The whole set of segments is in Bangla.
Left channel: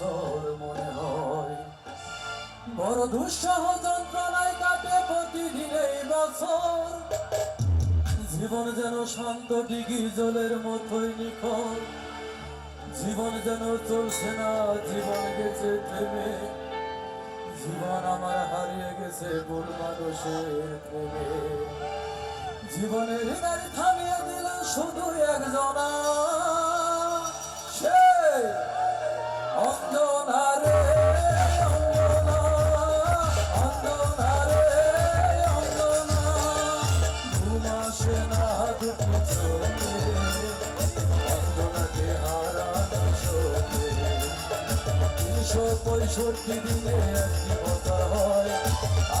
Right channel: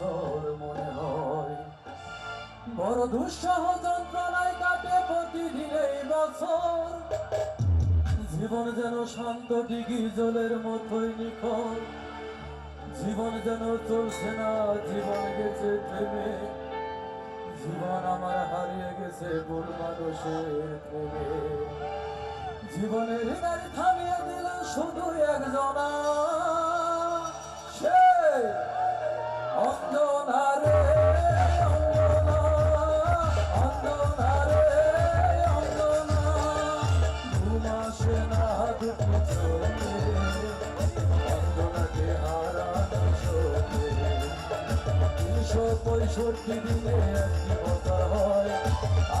বছর মনে হয়। বড় দুঃসহ যন্ত্রণায় কাটে প্রতিদিন এই বছর। জীবন যেন শান্ত ডিগি জলের মতোই নিখর। জীবন যেন চলছে না, জীবন গেছে থেমে জীবন আমার হারিয়ে গেছে ভুল মানুষের প্রেমে। জীবনের থামিয়ে দিল শুধু একজনা। পঁয়ষট্টি দিনে একটি বছর হয়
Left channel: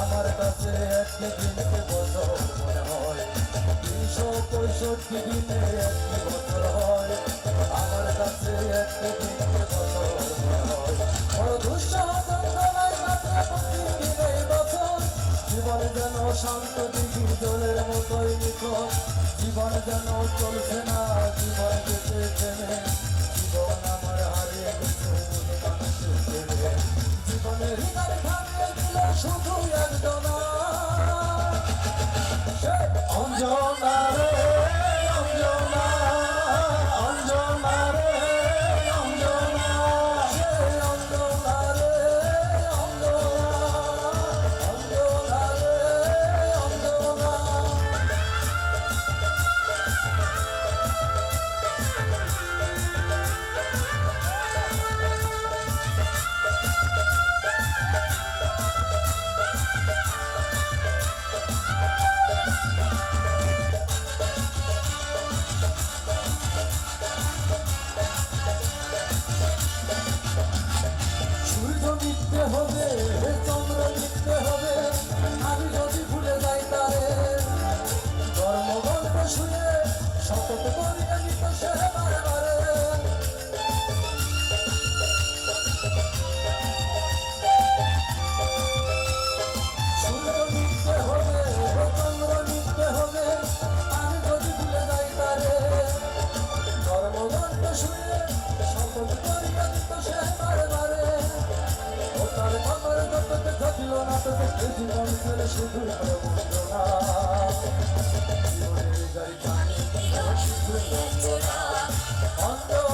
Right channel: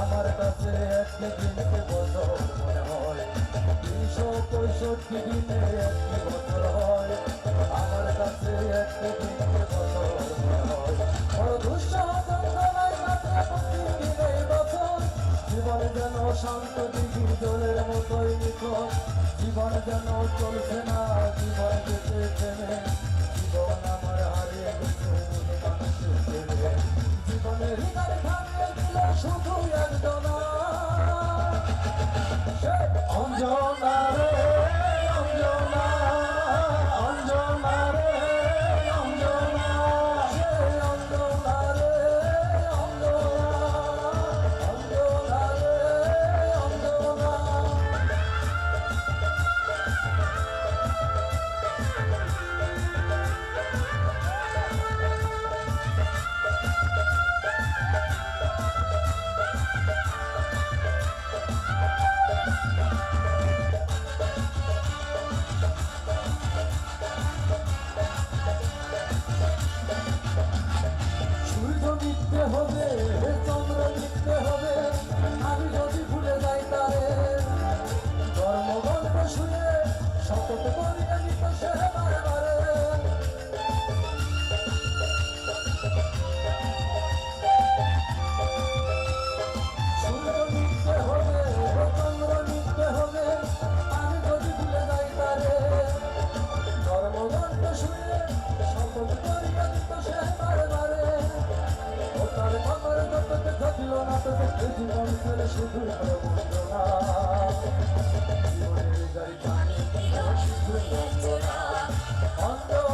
আমার কাছে একটি দিনকে বছর মনে হয় তিনশো পঁয়ষট্টি দিনে একটি বছর হয় আমার কাছে একটি দিনকে বছর যেন শান্ত দিঘি জলের মতোই নিখোঁজ জীবন যেন চলছে না, জীবন যেতে শুধু একজনা তোকে শুধু বন্ধনা জীবনের গাড়ি শুধু বন্দনা Anjana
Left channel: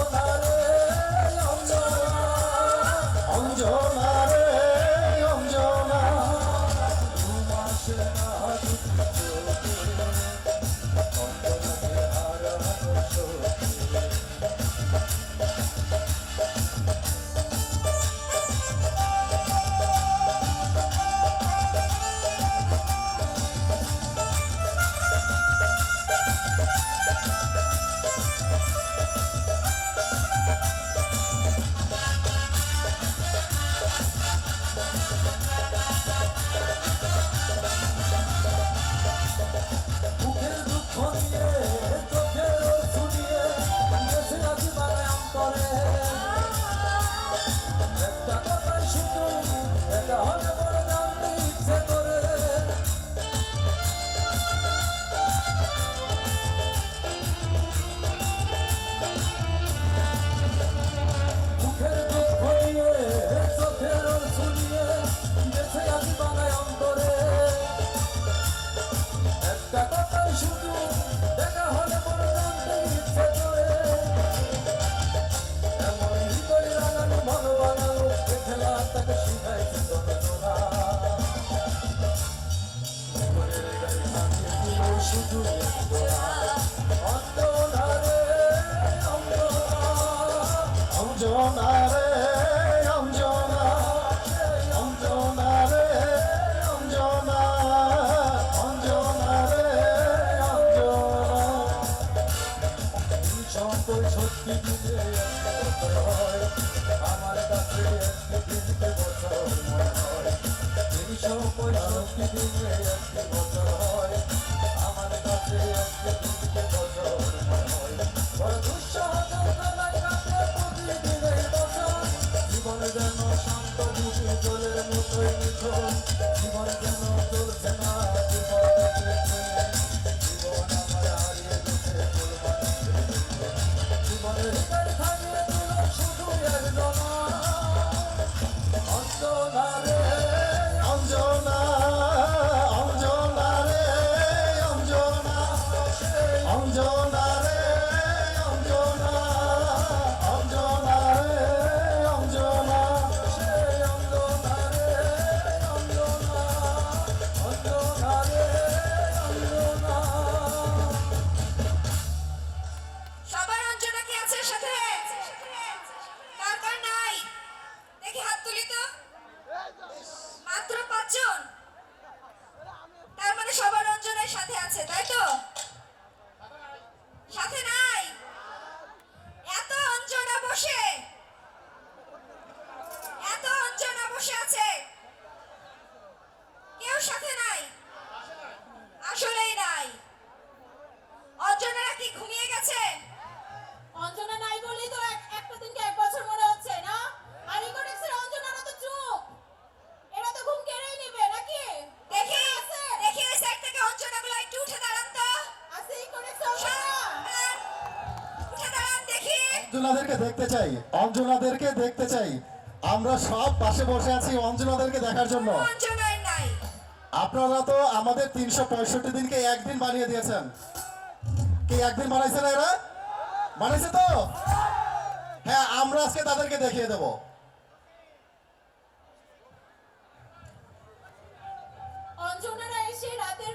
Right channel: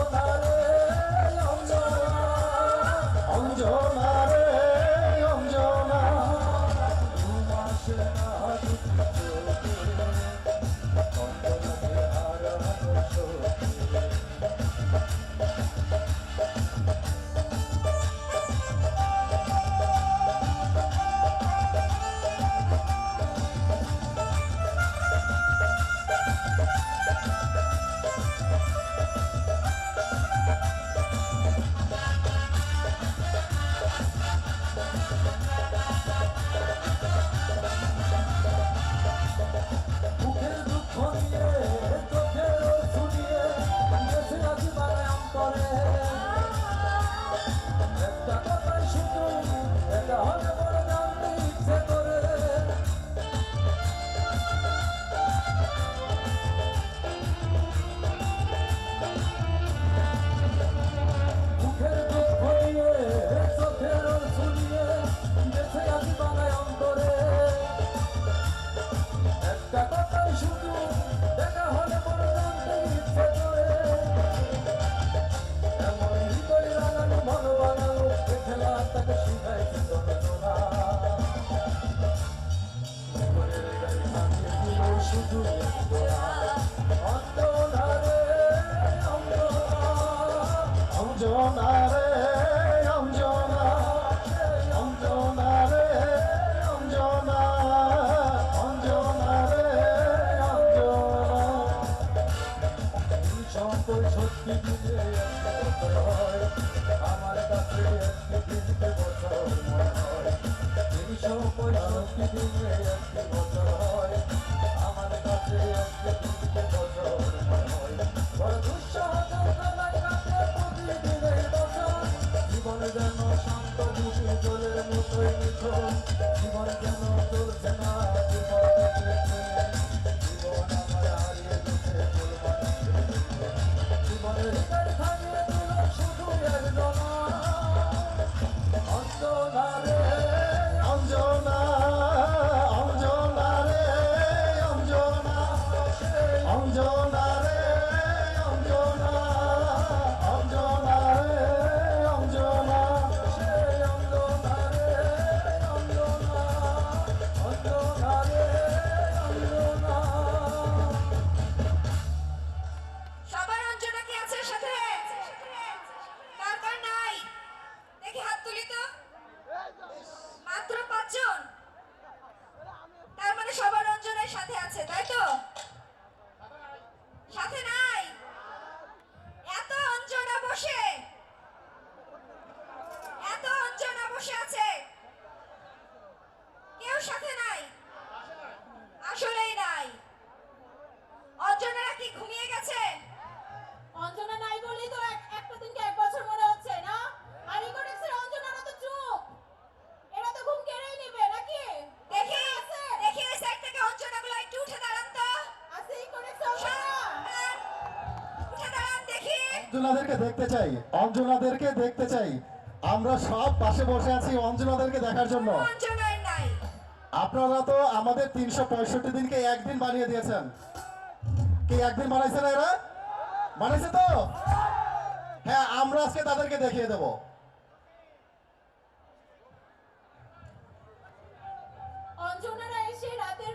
all my. Vamos embora que a mão toda semana তাই তো? সাথে না? অঞ্জনাদেরকে দেখতে চাই অঞ্জনাদেরকে দেখতে চাই। আমরা সব পাশে বসে আছি অঞ্জনাদেরকে দেখার জন্য। আপনারা তো আমাদের তিনশো পঁয়ষট্টি দিনকে একদিন বানিয়ে দিয়েছেন। কে একদিন বানাইছে না এরা? বানাইছে তো? হ্যাঁ আমরা আজকে তাদেরকে দেখিয়ে দেব। অঞ্জনারা এসে রাতের